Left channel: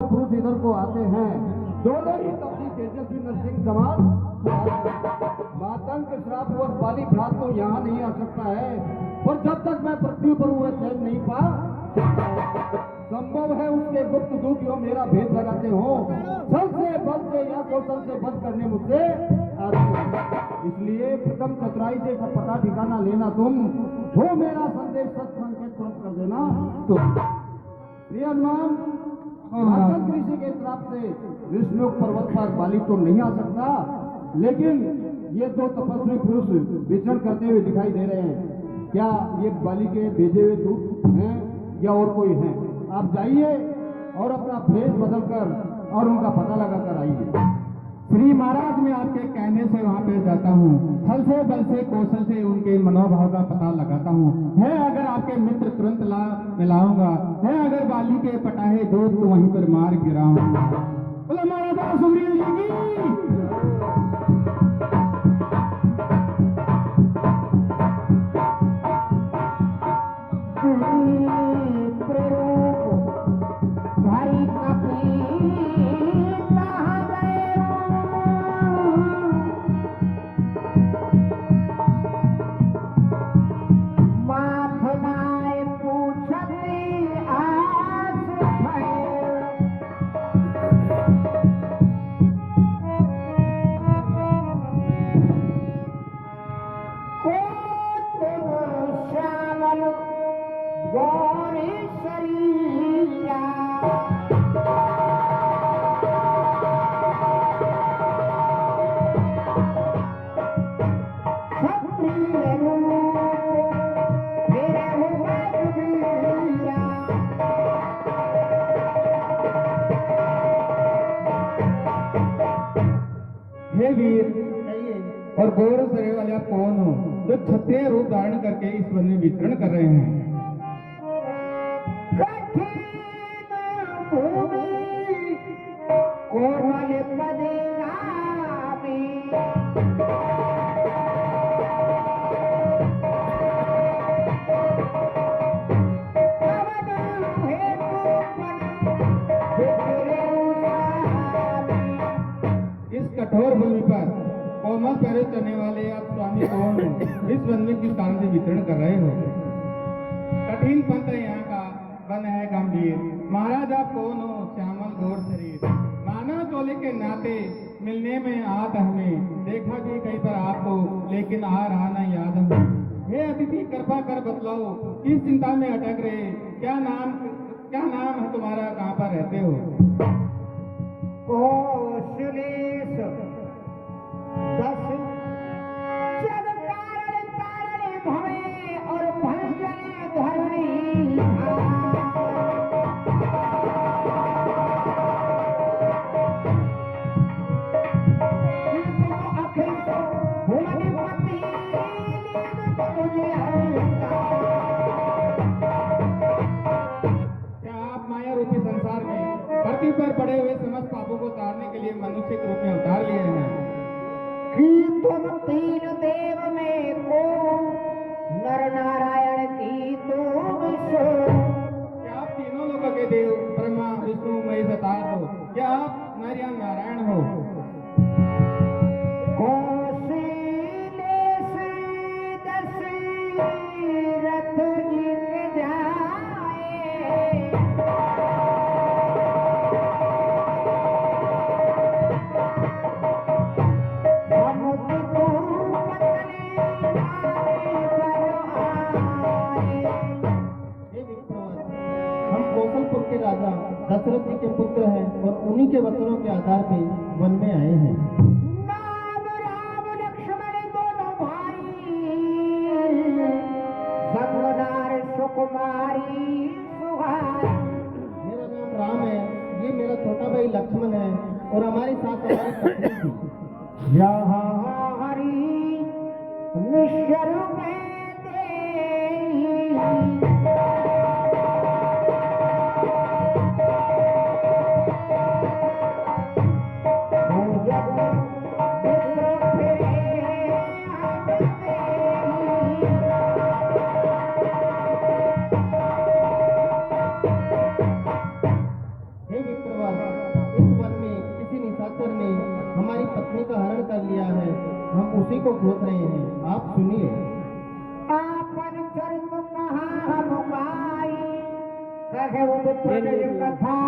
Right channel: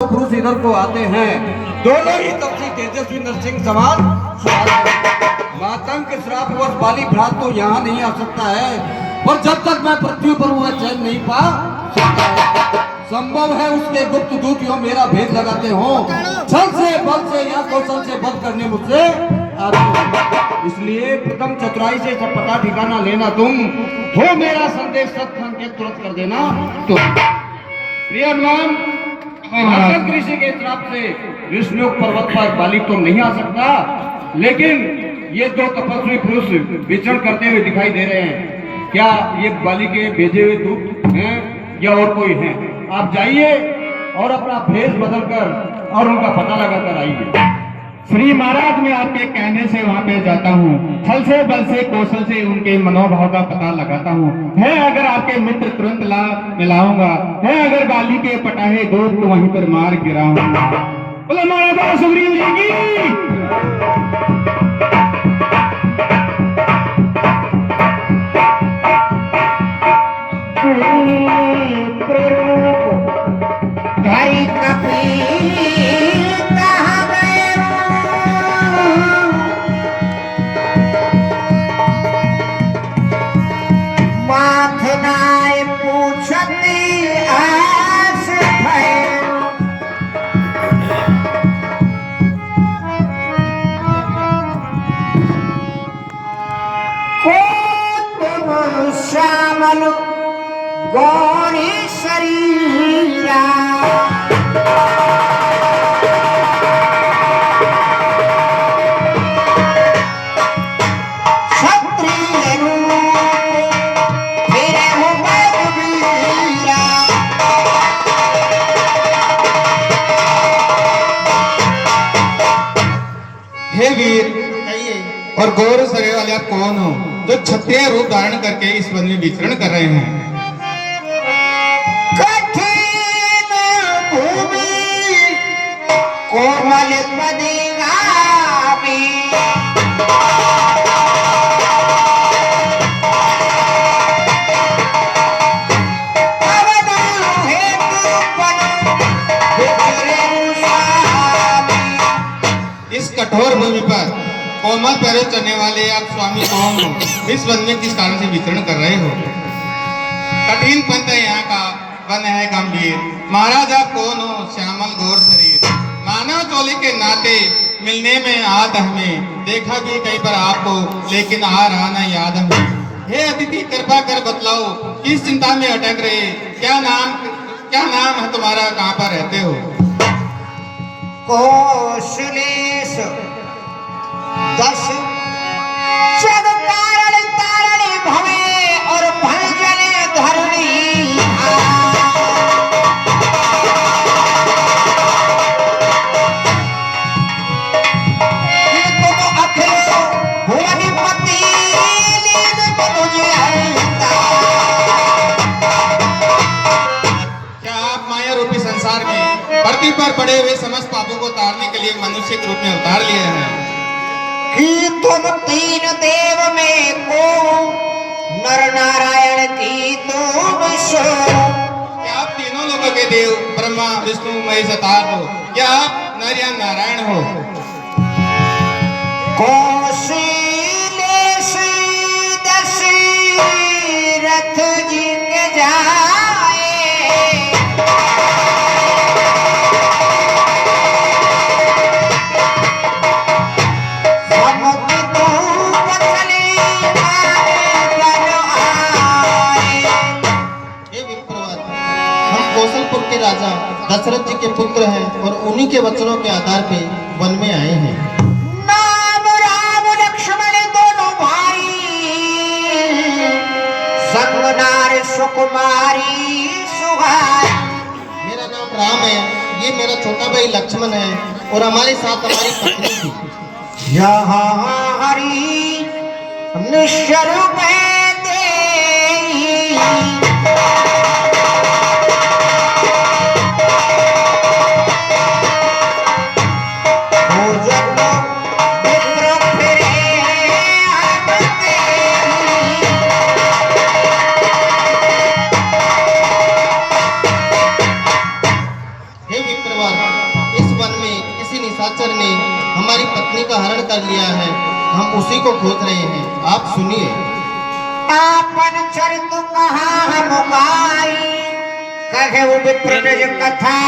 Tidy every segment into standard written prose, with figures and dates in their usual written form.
पुरुष इधर को आते हैं, दोनों ही तपसी तेजस्वी नरसिंह समान। मातंग के श्रापवश बाली भ्रात तो यहाँ नहीं आ सकता है, पर जब तक मैं पृथ्वी पर वह चैन नहीं पा संभव है उसके गुप्त दूत यो मेरा भेद लगाते हो, छल से बल से या कौशल से बध करने मुझसे आते। इसलिए प्रथम चतुराई से सब पता ठिकाना लेना तुम हो, मेरा संदेश सत्संग के तुरंत कर देना तुम। प्रिय हनुमान, ऋषि के श्राप से विष्णु पर्वत पर बाली तो नहीं आ सकता, लेकिन ये दो तपस्वी पुरुष विचरण करते हुए दिखाई दे रहे हैं। क्या ये बाली के भेजे हुए दूत हैं या और कोई है? आप जाइए और अपना भेष बदलकर और उनका पता लगाकर आइए। श्री महाराज, मैं आपके कहने से वहाँ पे जाता हूँ, छल से बल से कौशल से उनके मनोभाव का पता लगाता हूँ। है अगर आपके मित्र तुरंत ला मिलाऊंगा, है अगर बाली के पटाहे दूत तो वहीं पर मार गिराऊंगा। बोलो महाराजा सुग्रीव जी की। गौरी शरीरा क्षत्रिय रूप फिरे हो बलवीरा। हे वीर, और गौर शरीर वाले आप कौन हो जो क्षत्रिय रूप धारण करके इस वन में विचरण कर रहे हैं? कोमल पदिगामी इस कठोर भूमि पर कोमल पैरों चलने वाले आप स्वामी कौन हो? इस वन में किस कारण से विचरण कर रहे हो? कठिन पंथ है यहाँ का, वन है गंभीर। महाराज आप कौन हो? श्यामल गौर शरीर, मानव चोली के नाते मिलने में आद हमें, देखा भी कहीं पर आपको लेकिन आ रहा ना याद हमें। हे अतिथि, कृपा कर बतलाओ किस चिंता में अटक रहे? क्या नाम है तुम्हारा? कहाँ पर रहते हो? कौशलेश दश जग कारण तारणी भवे और भंजने धरणी। तुम अखिलो भुवनपति लीन मुझे हरता। क्या आप माया रूपी संसार में धरती पर पड़े हुए समस्त पापों को तारने के लिए मनुष्य के रूप में अवतार लिए हैं? कि तुम तीन देव में को नर नारायण की तुम सो। क्या आप तीनों लोगों के देव ब्रह्मा विष्णु महेश अवतार हो? क्या आप नर या नारायण हो? कौशलेश दशरथ जी के जाए राजा दशरथ जी के पुत्र हैं और उन्हीं के वचनों के आधार पे वन में आए हैं। नाम राम लक्ष्मण दोनों भाई, संग नार सुकुमारी सुहाई। मेरा नाम राम है, ये मेरा छोटा भाई लक्ष्मण है और हमारे साथ हमारी पत्नी थी। यहाँ हरि निश्चर किसी निशाचर ने हमारी पत्नी का हरण कर लिया है। हम उसी को खोज रहे हैं, आप सुनिए। आपन चरित कहाँ हम गाई, कहे विप्र निज कथा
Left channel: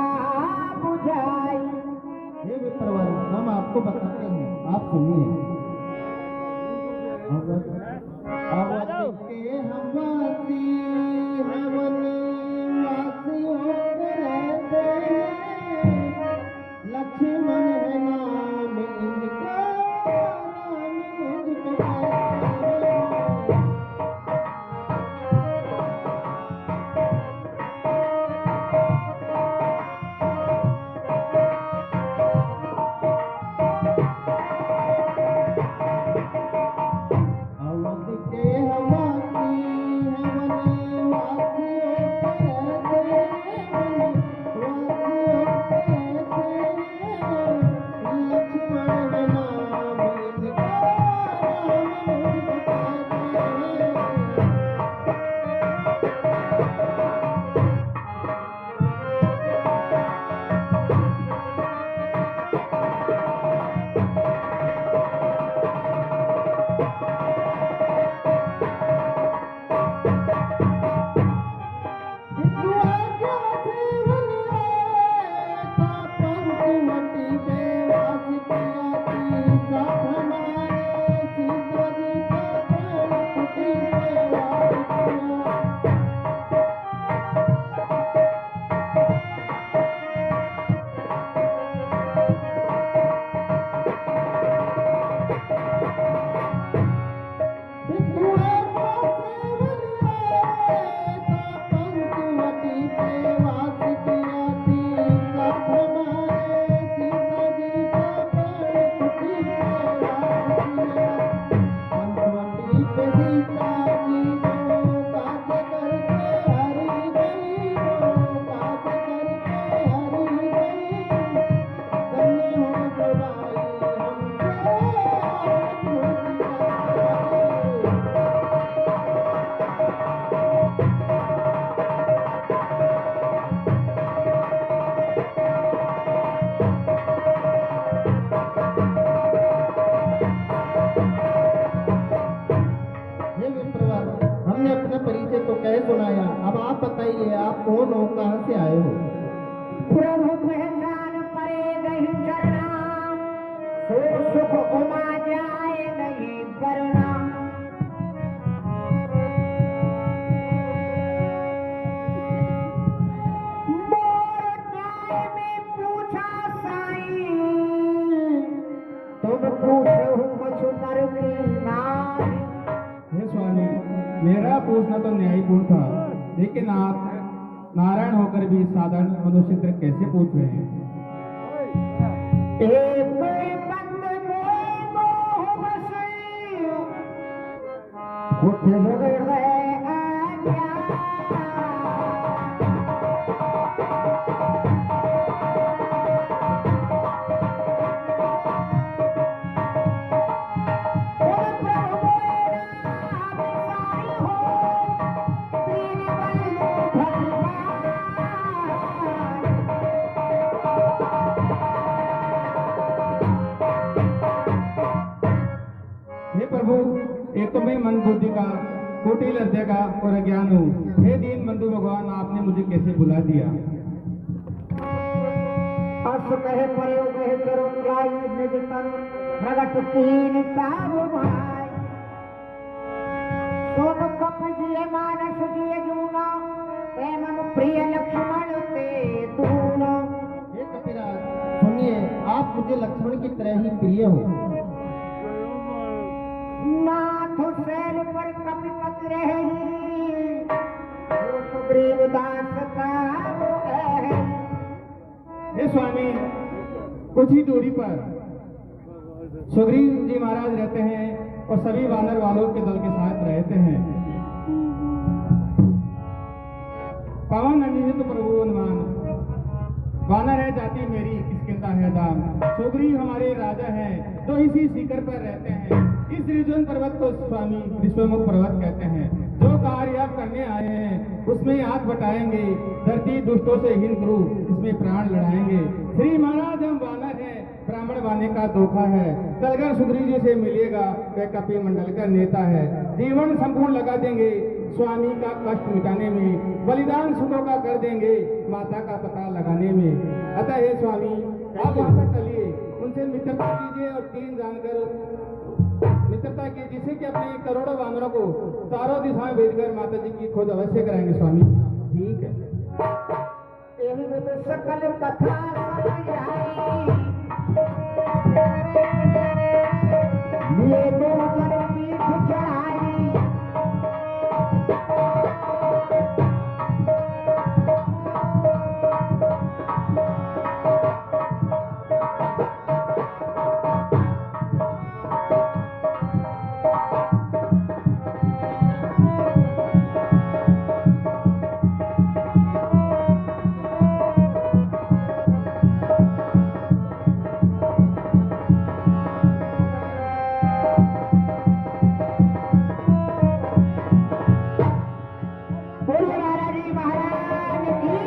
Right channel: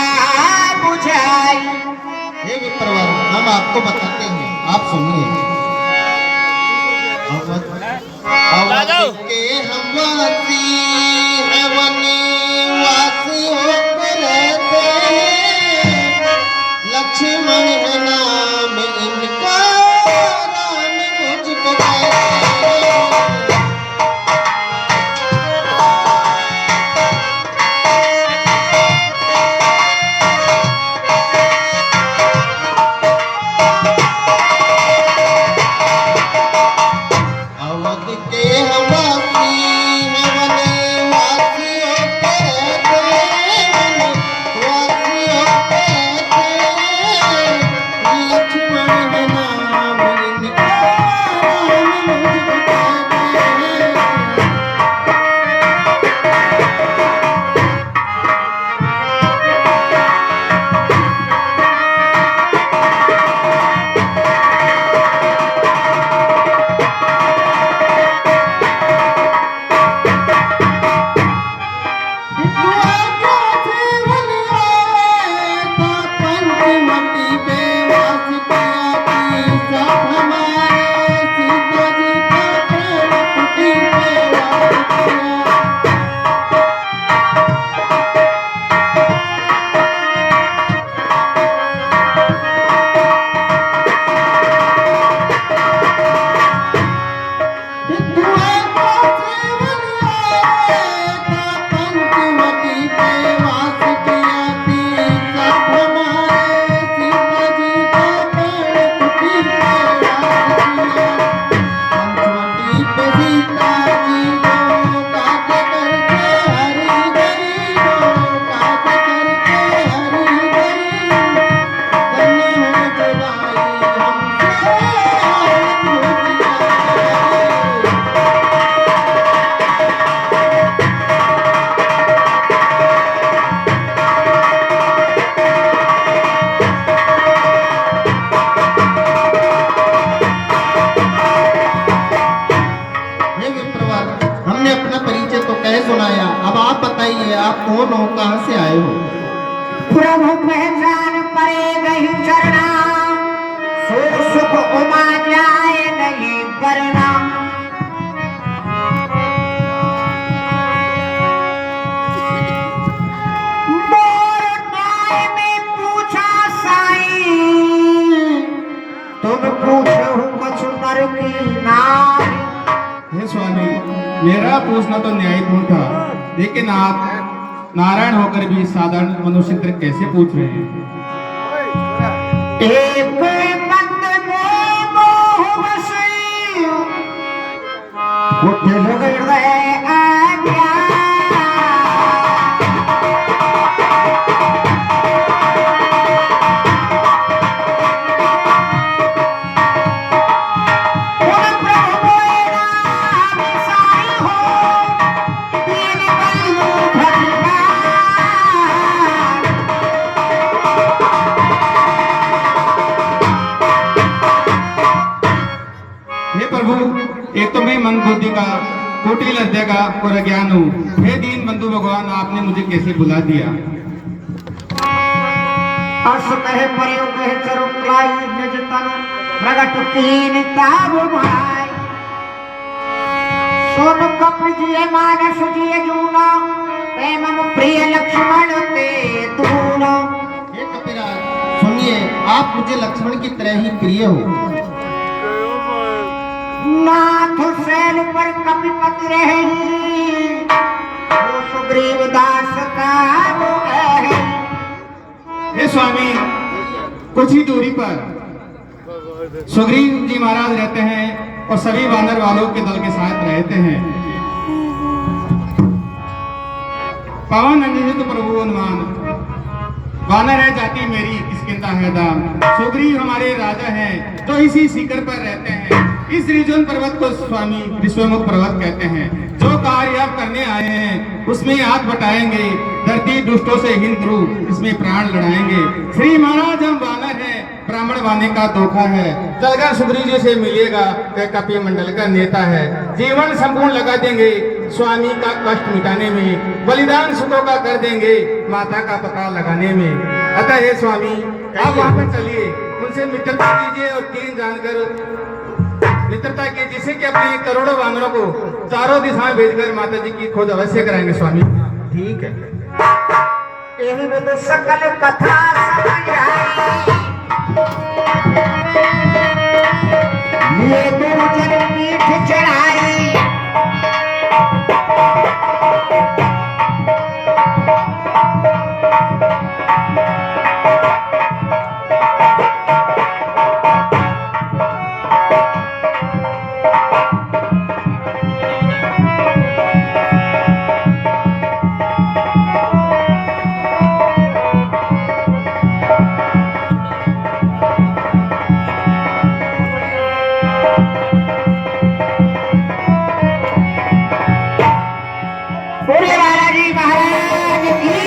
बुझाई। हे विप्रवर, हम आपको बताते हैं, आप सुनिए। अवध के हम वासी हैं, वनवासी होकर रहते हैं। लक्ष्मण है नाम इनका, राम मुझको कहते हैं। अवध के हम वासी हैं, वनवासी होकर रहते हैं। वनवासी होकर रहते हैं। लक्ष्मण है नाम इनका, राम मुझको कहते हैं। हे विप्रवर, हमने अपना परिचय तो कह सुनाया, अब आप बताइए आप कौन हो, कहाँ से आए हो? प्रभु पहचान परे गई चरना, सुख सुख उमा जाए नहीं करना। मोर न्याय में पूछा साई, तुम पूछो कुछ नर की नारी। हे स्वामी, मेरा पूछना तो न्यायपूर्ण था, लेकिन आप नारायण होकर भी साधारण मनुष्य तरह कैसे पूछ रहे हैं? एक बंद में मोह बसी, उठे लोग हृदय आज्ञा। उन प्रभु नाम साई हो, दीन बंधु भगवान। हे प्रभु, एक तो मैं मन बुद्धि का कुटिल हृदय का और अज्ञान हूँ। हे दीन बंधु भगवान, आपने मुझे कैसे बुला दिया? अस कहे प्रयोग कहे चरुलाई निज तन प्रगट कीन ताब भाई। सोन कप जिये मानस जिये जूना, प्रेम प्रिय लक्ष्मण ते दूना। हे कपिराज, सुनिए, आप मुझे लक्ष्मण की तरह ही प्रिय हो। नाथ शैल पर कपिपति रही, वो सुग्रीव दास का वो है। हे स्वामी, कुछ ही दूरी पर सुग्रीव जी महाराज रहते हैं और सभी वानर वालों के दल के साथ रहते हैं। पवन अंजित प्रभु अनुमान, वानर है जाति मेरी किसकिंता है दाम। सुग्रीव हमारे राजा हैं जो इसी शिखर पर रहते हैं। इस रिजोन पर्वत को स्वामी विश्वमुख पर्वत कहते हैं। जो कार्य आप करने आए हैं उसमें हाथ बटाएंगे, धरती दुष्टों से हिंद रू इसमें प्राण लड़ाएंगे। श्री महाराज हम वानर हैं, जमाने का धोखा है। चलकर सुग्रीव जी से मिलेगा, वह कपि मंडल का नेता है। जीवन संपूर्ण लगा देंगे स्वामी का कष्ट मिटाने में, बलिदान सुतों का कर देंगे माता का पता लगाने में। अतः हे स्वामी, आप वहां पर चलिए, उनसे मित्रता कीजिए और तीन जानकर मित्रता की, जिससे कि अपने करोड़ों वानरों को चारों दिशाएं भेजकर माता जी की खोज अवश्य कराएंगे स्वामी। ठीक है। एहि में तो सकल कथा समझ आई, ये दो जन पीठ चढ़ाई। पूरे बालाजी महाराज की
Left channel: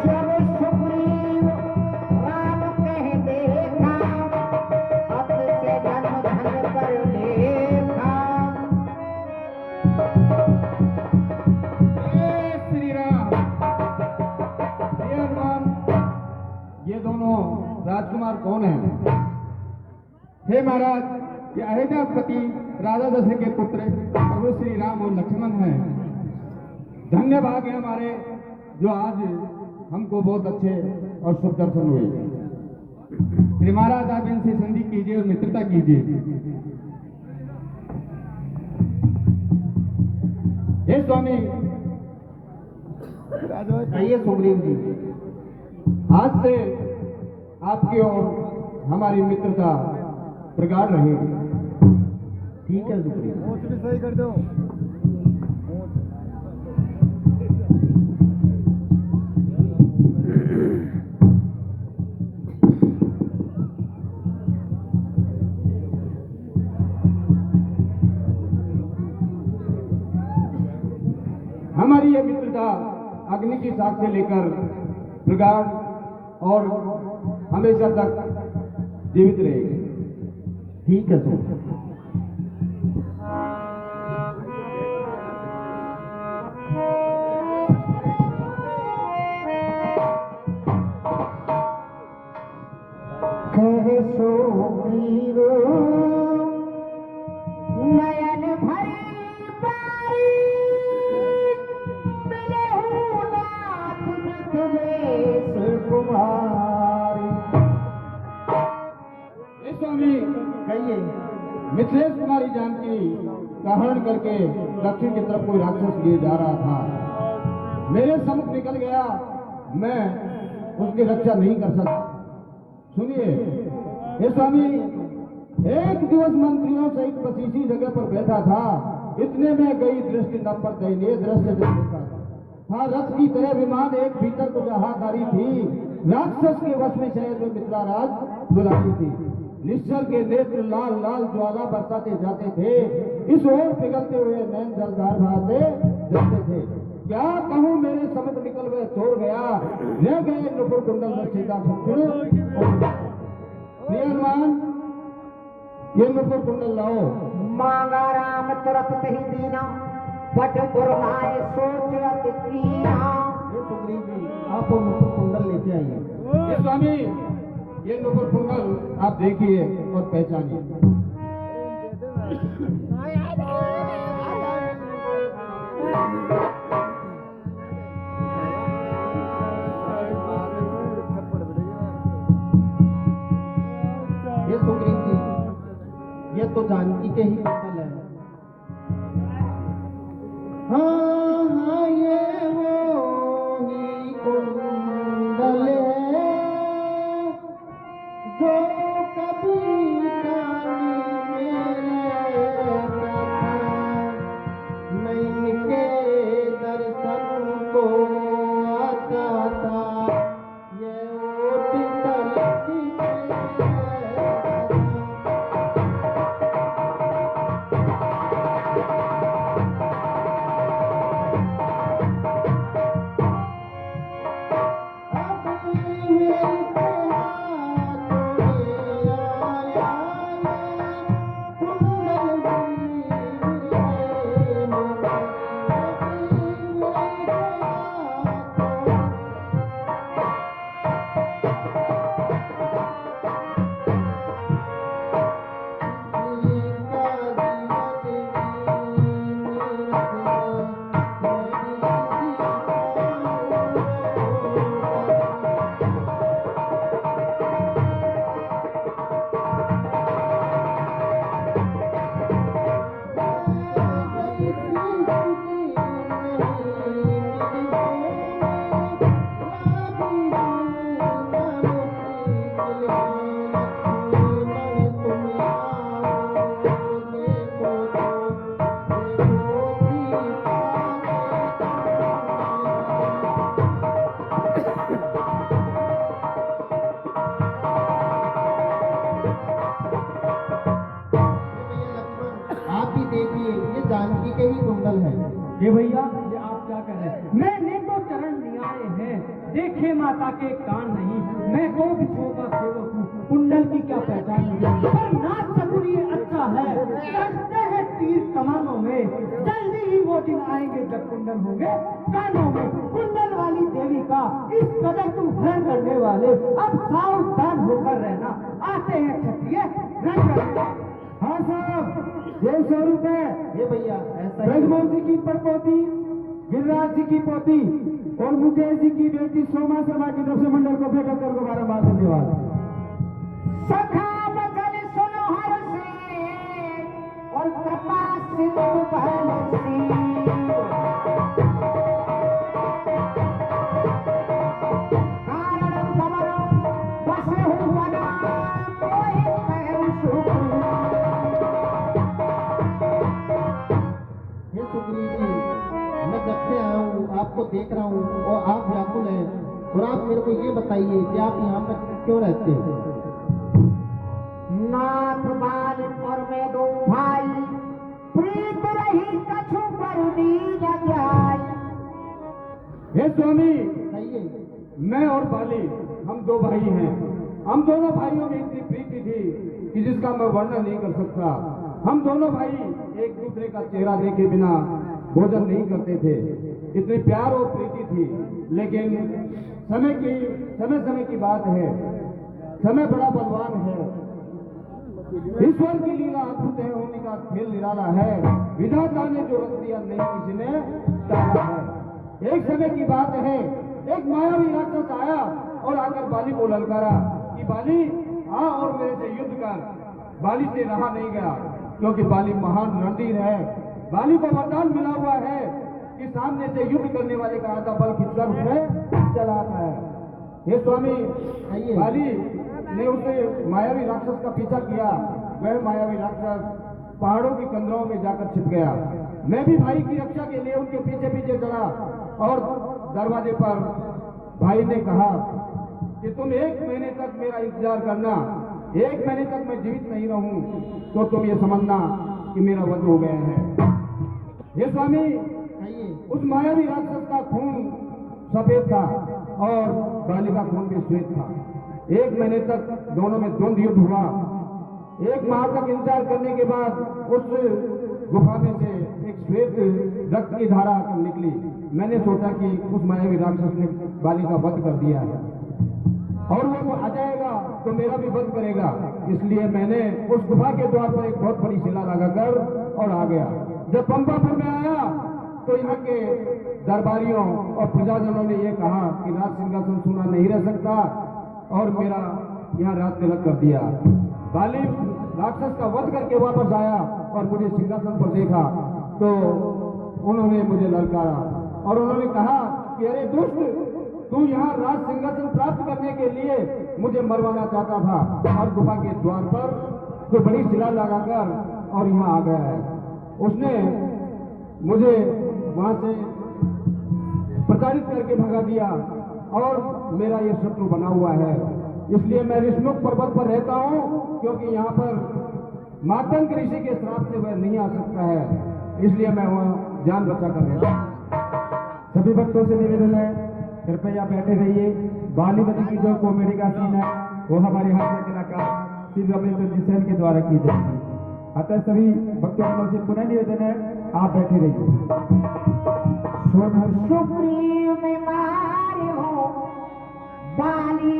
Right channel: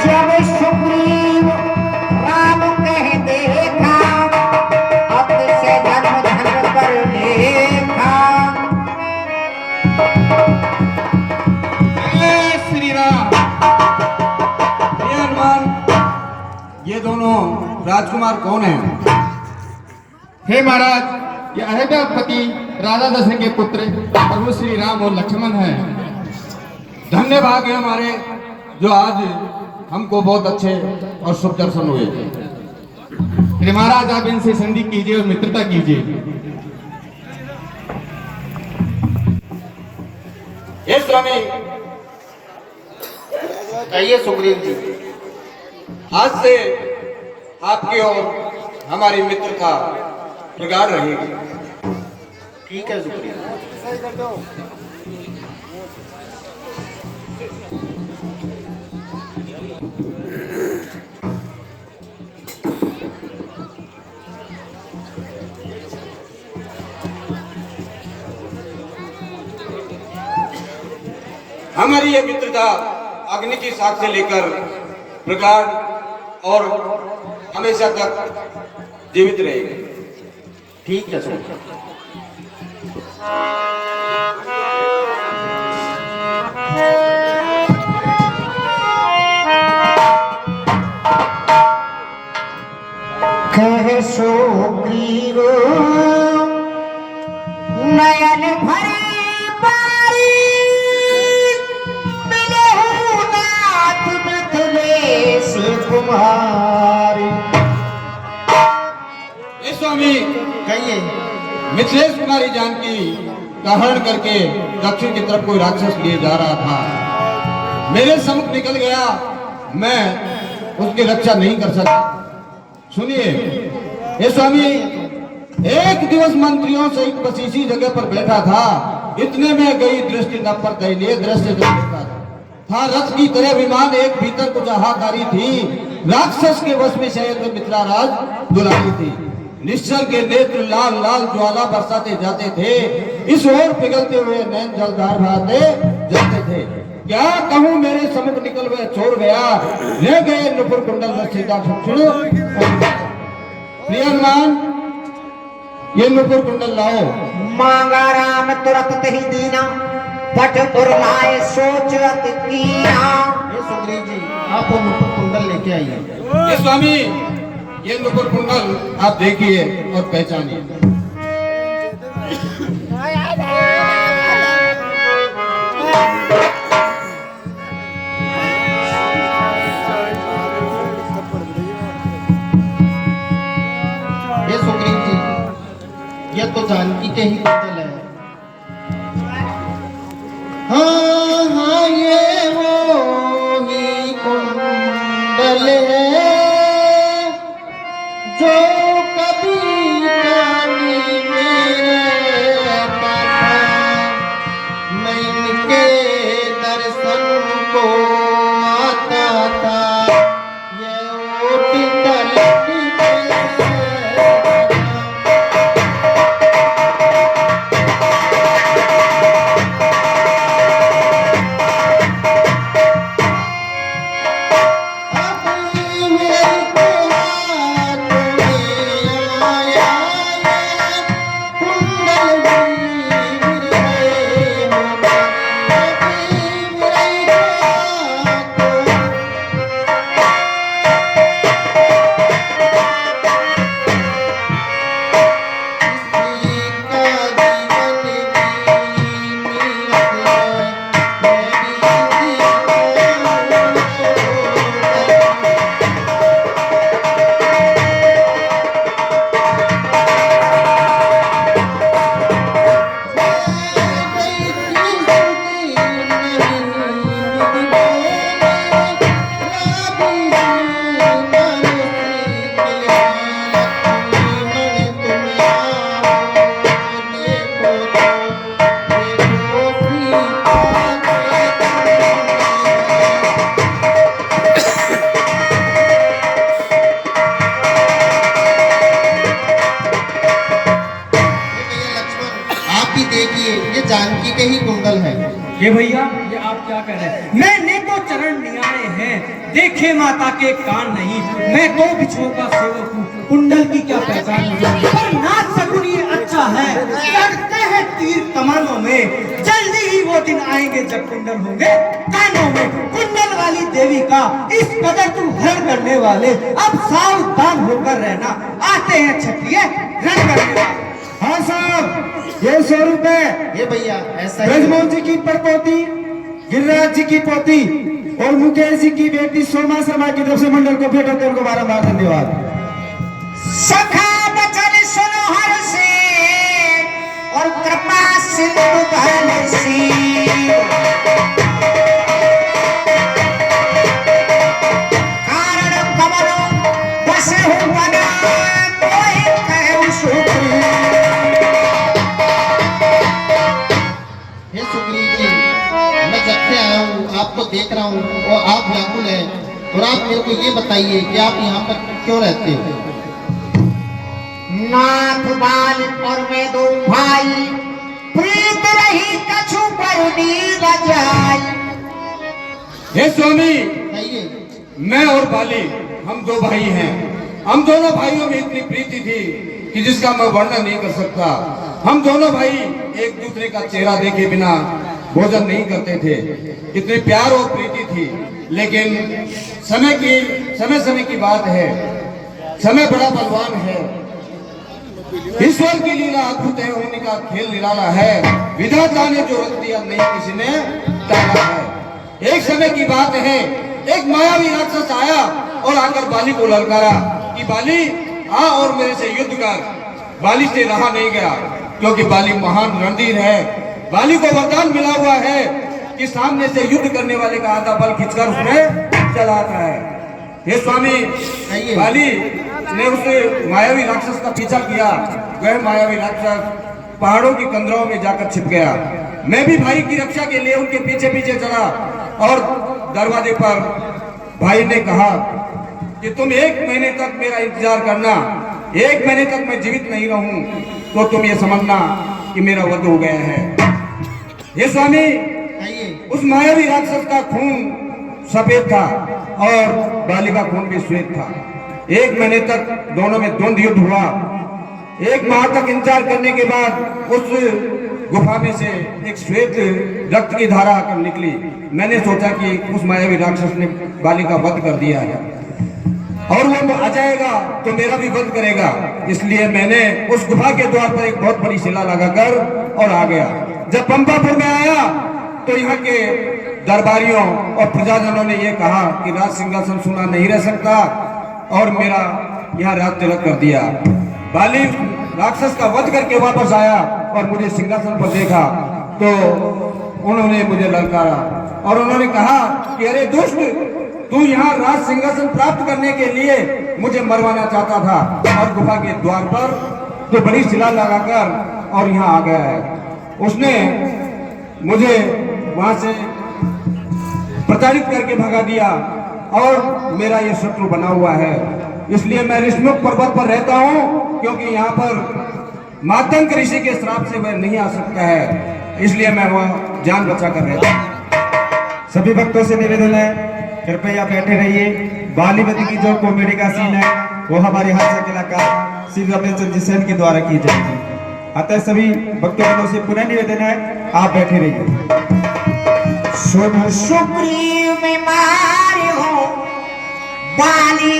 जब सुग्रीव राम कह देखा, अब से जन्म धन कर लेखा। जय श्री राम। हे हनुमान, ये दोनों राजकुमार कौन हैं? हे महाराज, ये अयोध्यापति राजा दशरथ के पुत्र प्रभु श्री राम और लक्ष्मण हैं। धन्य भाग है हमारे, जो आज हमको बहुत अच्छे और शुभ दर्शन हुए। श्री महाराज, आप इनसे संधि कीजिए और मित्रता कीजिए। हे स्वामी, कहिए सुग्रीव जी। आज से आपकी और हमारी मित्रता प्रगाढ़ रहेगी। ठीक है सुग्रीव। हमारी ये मित्रता अग्नि की साख से लेकर प्रगाढ़ और हमेशा तक जीवित रहेगी। ठीक है सुग्रीव। कह सुग्रीव नयन भरी बारी, मिलहु नाथ मिथिलेश कुमारी। हे स्वामी, कहिए। मिथिलेश कुमारी जानकी का हरण करके दक्षिण की तरफ कोई राक्षस लिए जा रहा था। मेरे सम्मुख निकल गया, मैं उसकी रक्षा नहीं कर सका। सुनिए हे स्वामी, एक दिवस मंत्रियों से एक बस इसी जगह पर बैठा था, इतने में गई दृष्टि न पर दयनीय दृश्य जो देखा था। रथ की तरह विमान एक भीतर कुछ हाहाकारी थी। राक्षस के वश में शायद मित्राराज दुलारी थी। निश्चल के नेत्र लाल लाल ज्वाला बरसाते जाते थे, इस ओर पिघलते हुए नैन जलधार बहाते जाते थे। क्या कहूँ, मेरे सम्मुख निकल हुए छोड़ गया, ले गए नुपुर कुंडल रसीदा प्रिय हनुमान, ये नुपुर कुंडल लाओ। मांगा राम तुरंत ही दीना, पट दुर्लाए सोच अति कीना। ये सुग्रीव जी, आप वो मुकुट कुंडल लेके आइए। ये स्वामी, ये नुपुर कुंडल आप देखिए और पहचानिए। ये सुग्रीव जी, ये तो जानकी के ही कुंडल है। हाँ हाँ, ये वो ही कुंडल है जो कभी कानी मेरे था। मैं इनके दर्शन को आता था, ये ओट तलक के ये भैया ये आप क्या कह रहे हैं? मैंने तो चरण निहारे हैं, देखे माता के कान नहीं। मैं तो बिछुओं का सेवक हूँ, कुंडल की क्या पहचान मुझे। पर नाथ सगुन ये अच्छा है, करते हैं तीर कमरों में। जल्दी ही वो दिन आएंगे जब कुंडल होंगे कानों में। कुंडल वाली देवी का इस कदर तुम हरण करने वाले, अब सावधान होकर रहना, आते हैं छठिए रण करने वाले। हाँ साहब, ये 100 रुपए ये भैया ऐसा ही ब्रजमोहन जी की परपोती, गिरिराज जी की पोती और मुकेश जी की बेटी सोमा शर्मा की तरफ से मंडल को भेंट होते हैं। उनको बारंबार धन्यवाद। सखा बचन सुनो हर से और कृपा सिंधु बहन सी। कारण कमलो बसे हूँ मना कोई कहूँ सुग्रीव। हे सुग्रीव जी, मैं जब से आया हूँ आपको देख रहा हूँ और आप व्याकुल हैं, और आप मेरे को ये बताइए कि आप यहाँ पर क्यों रहते हो? नाथ बाल और मैं दो भाई, प्रीत रही कछु पर नीर जाई। हे स्वामी, बताइए। मैं और बाली हम 2 भाई हैं। हम दोनों भाइयों में इतनी प्रीति थी कि जिसका मैं वर्णन नहीं कर सकता। हम दोनों भाई एक दूसरे का चेहरा देखे बिना भोजन नहीं करते थे, इतनी प्यार और प्रीति थी। लेकिन समय की बात है, समय बड़ा बलवान है। ईश्वर की लीला अद्भुत है, होने का खेल निराला है। विधाता ने जो रख दिया नहीं किसी ने टाला है। एक समय की बात है, एक मायावी राक्षस आया और आकर बाली को ललकारा कि बाली आ और मेरे से युद्ध कर। बाली से रहा नहीं गया, क्योंकि बाली महान रणधीर है। बाली को वरदान मिला हुआ है कि सामने से युद्ध करने वाले का आधा बल खींचकर उसमें चलाता है। हे स्वामी, बाली ने उस मायावी राक्षस का पीछा किया। वह मायावी राक्षस पहाड़ों की कंदरों में जाकर छिप गया। मैं भी भाई की रक्षा के लिए उनके पीछे पीछे चला और दरवाजे पर भाई ने कहा कि तुम 1 महीने तक मेरा इंतजार करना। 1 महीने तक मैं जीवित नहीं रहूं तो तुम ये समझना कि मेरा वध हो गया है। ये स्वामी, उस मायावी राक्षस का खून सफेद था और बाली का खून भी श्वेत था। 1 महीने तक दोनों में द्वंद्व युद्ध हुआ। 1 माह तक इंतजार करने के बाद उस गुफा में से एक श्वेत रक्त की धारा आकर निकली। मैंने सोचा कि उस मायावी राक्षस ने बाली का वध कर दिया है और वो आ जाएगा तो मेरा भी वध करेगा। इसलिए मैंने उस गुफा के द्वार पर एक बहुत बड़ी शिला लगाकर और आ गया। जब पंपापुर में आया तो यहाँ के दरबारियों और प्रजाजनों ने ये कहा कि राज सिंहासन सुना नहीं रह सकता और मेरा यहाँ राज तिलक कर दिया। बाली राक्षस का वध करके वापस आया और मुझे सिंहासन पर देखा तो उन्होंने मुझे ललकारा और उन्होंने कहा कि अरे दुष्ट, तू यहाँ राज सिंहासन प्राप्त करने के लिए मुझे मरवाना चाहता था और गुफा के द्वार पर तो बड़ी शिला लगाकर और यहाँ आ गया है। उसने मुझे वहां से प्रताड़ित करके भगा दिया और मेरा ये शत्रु बना हुआ है। इसलिए मैं ऋषमुख पर्वत पर रहता हूँ, क्योंकि यहाँ पर मातंग ऋषि के श्राप से वह नहीं आ सकता है। इसलिए मैं वह जान बचा कर रहता हूँ। सभी भक्तों से निवेदन है, कृपया बैठे रहिए। बालीवती की जो कॉमेडी का सीन है वो हमारे हास्य कलाकार श्री रमेश चंद्र सेन के द्वारा की जाएगी। अतः सभी भक्तों से पुनः निवेदन है, आप बैठे रहिए। सुग्रीव में मारे हो बाली।